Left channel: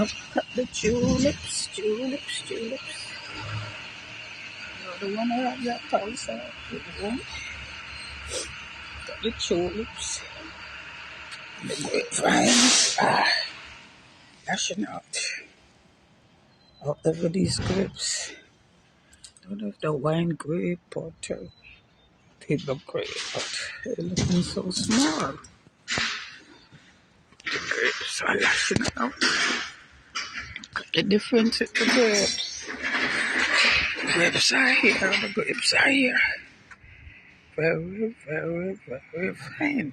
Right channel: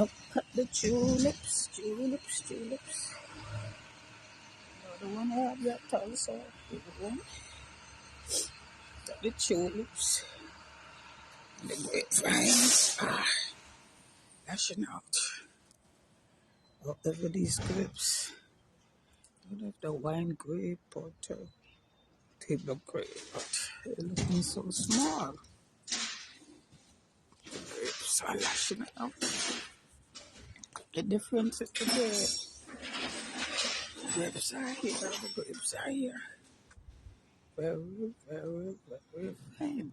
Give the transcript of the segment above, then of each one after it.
Look at the tulips, tulips, tulips. Another one around that also. Got the tulips. The grapevines are lashing out. However, these grapes, I don't know if the wine grape or table grape, but they're looking so small. The grapes are lashing out. The difference with the grapes. The grapes are here, the grapes are here. Very, very, very fine.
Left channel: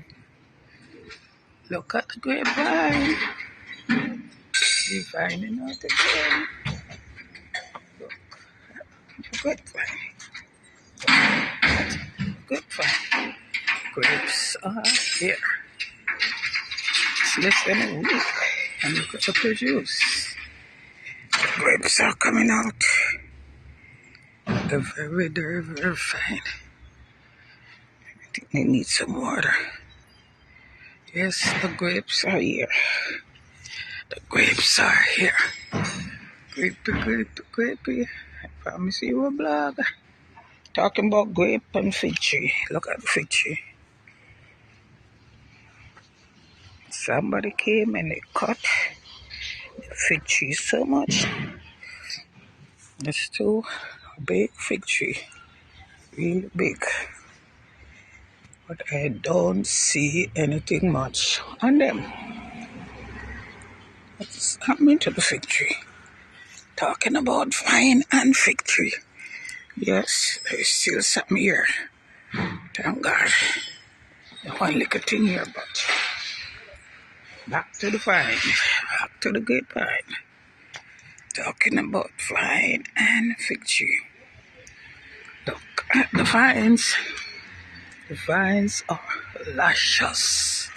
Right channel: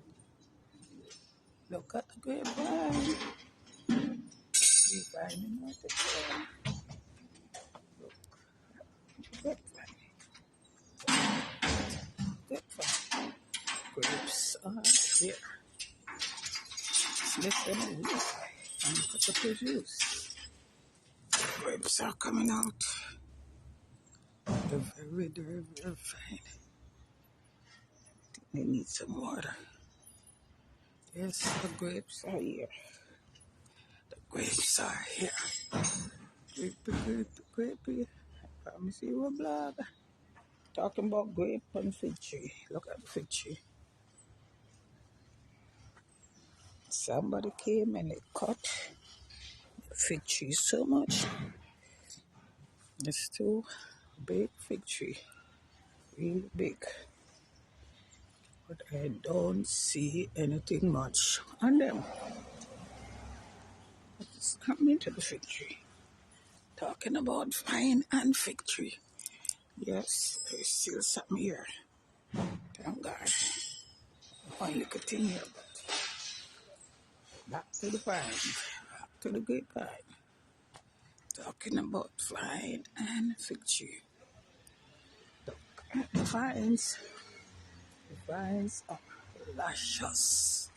Look at the grapevine. You're finding out again. Look at the grapevine. Grapevine. Grapes are here. It's less than a week. And look at the produce. The grapes are coming out. They're very, very, very fine. I think they need some water. Yes, the grapes are here. The grapes are here. Grapey, grapey, grapey. I promise you a blog. Talking about grape and fig tree. Look at the fig tree. Somebody came and they cut the fig tree so much. It's too big fig tree. Really big. But I don't see anything much on them. What's happening to the fig tree? Talking about vine and fig tree. Yes, there's still something here. Thank God. One little thing here, but back to the vine. Back to the grapevine. Talking about vine and fig tree. Look at the vines. The vines are luscious.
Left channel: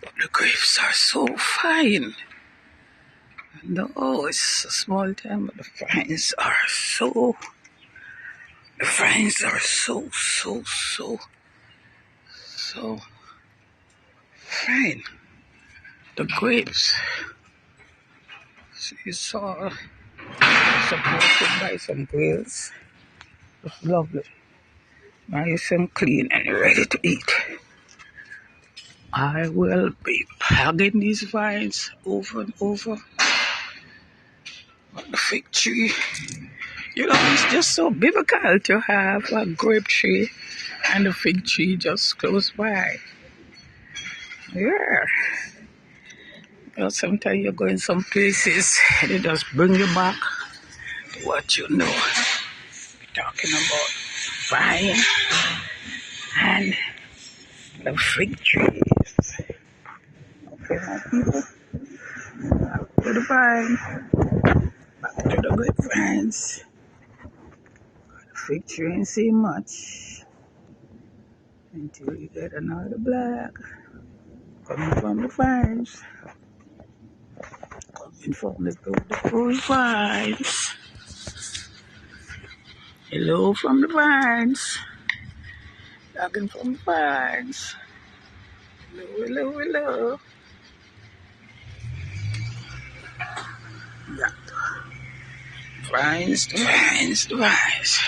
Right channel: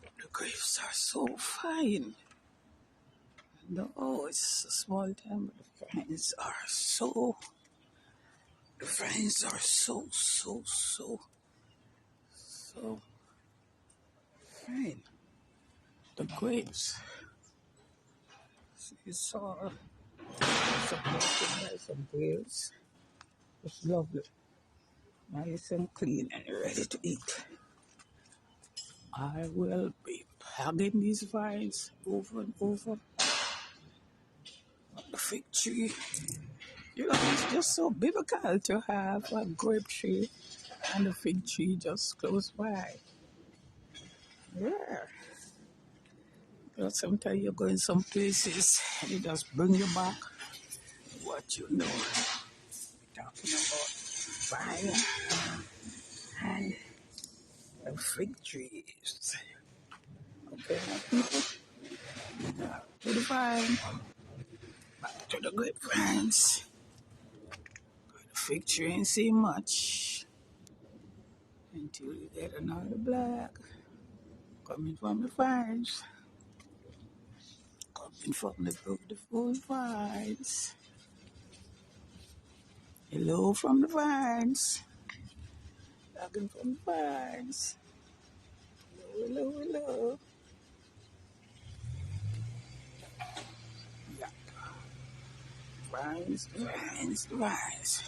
But the grapes are so fine. No, it's a small time, but the vines are so fine. The grapes, it's all supported by some grills. It's lovely. Nice and clean and ready to eat. I will be hugging these vines over and over. But the fig tree, you know, it's just so biblical to have a grape tree and a fig tree just close by. Yeah. You know, sometimes you go in some places, they just bring you back to what you know. We're talking about vine and the fig trees. Okay, people. Back to the vine. Back to the grapevines. The fig tree ain't see much until you get another black coming from the vines. Coming from the beautiful vines. Hello from the vines. Talking from the vines. Hello, hello, hello. Yeah. Vines, the vines, the vines.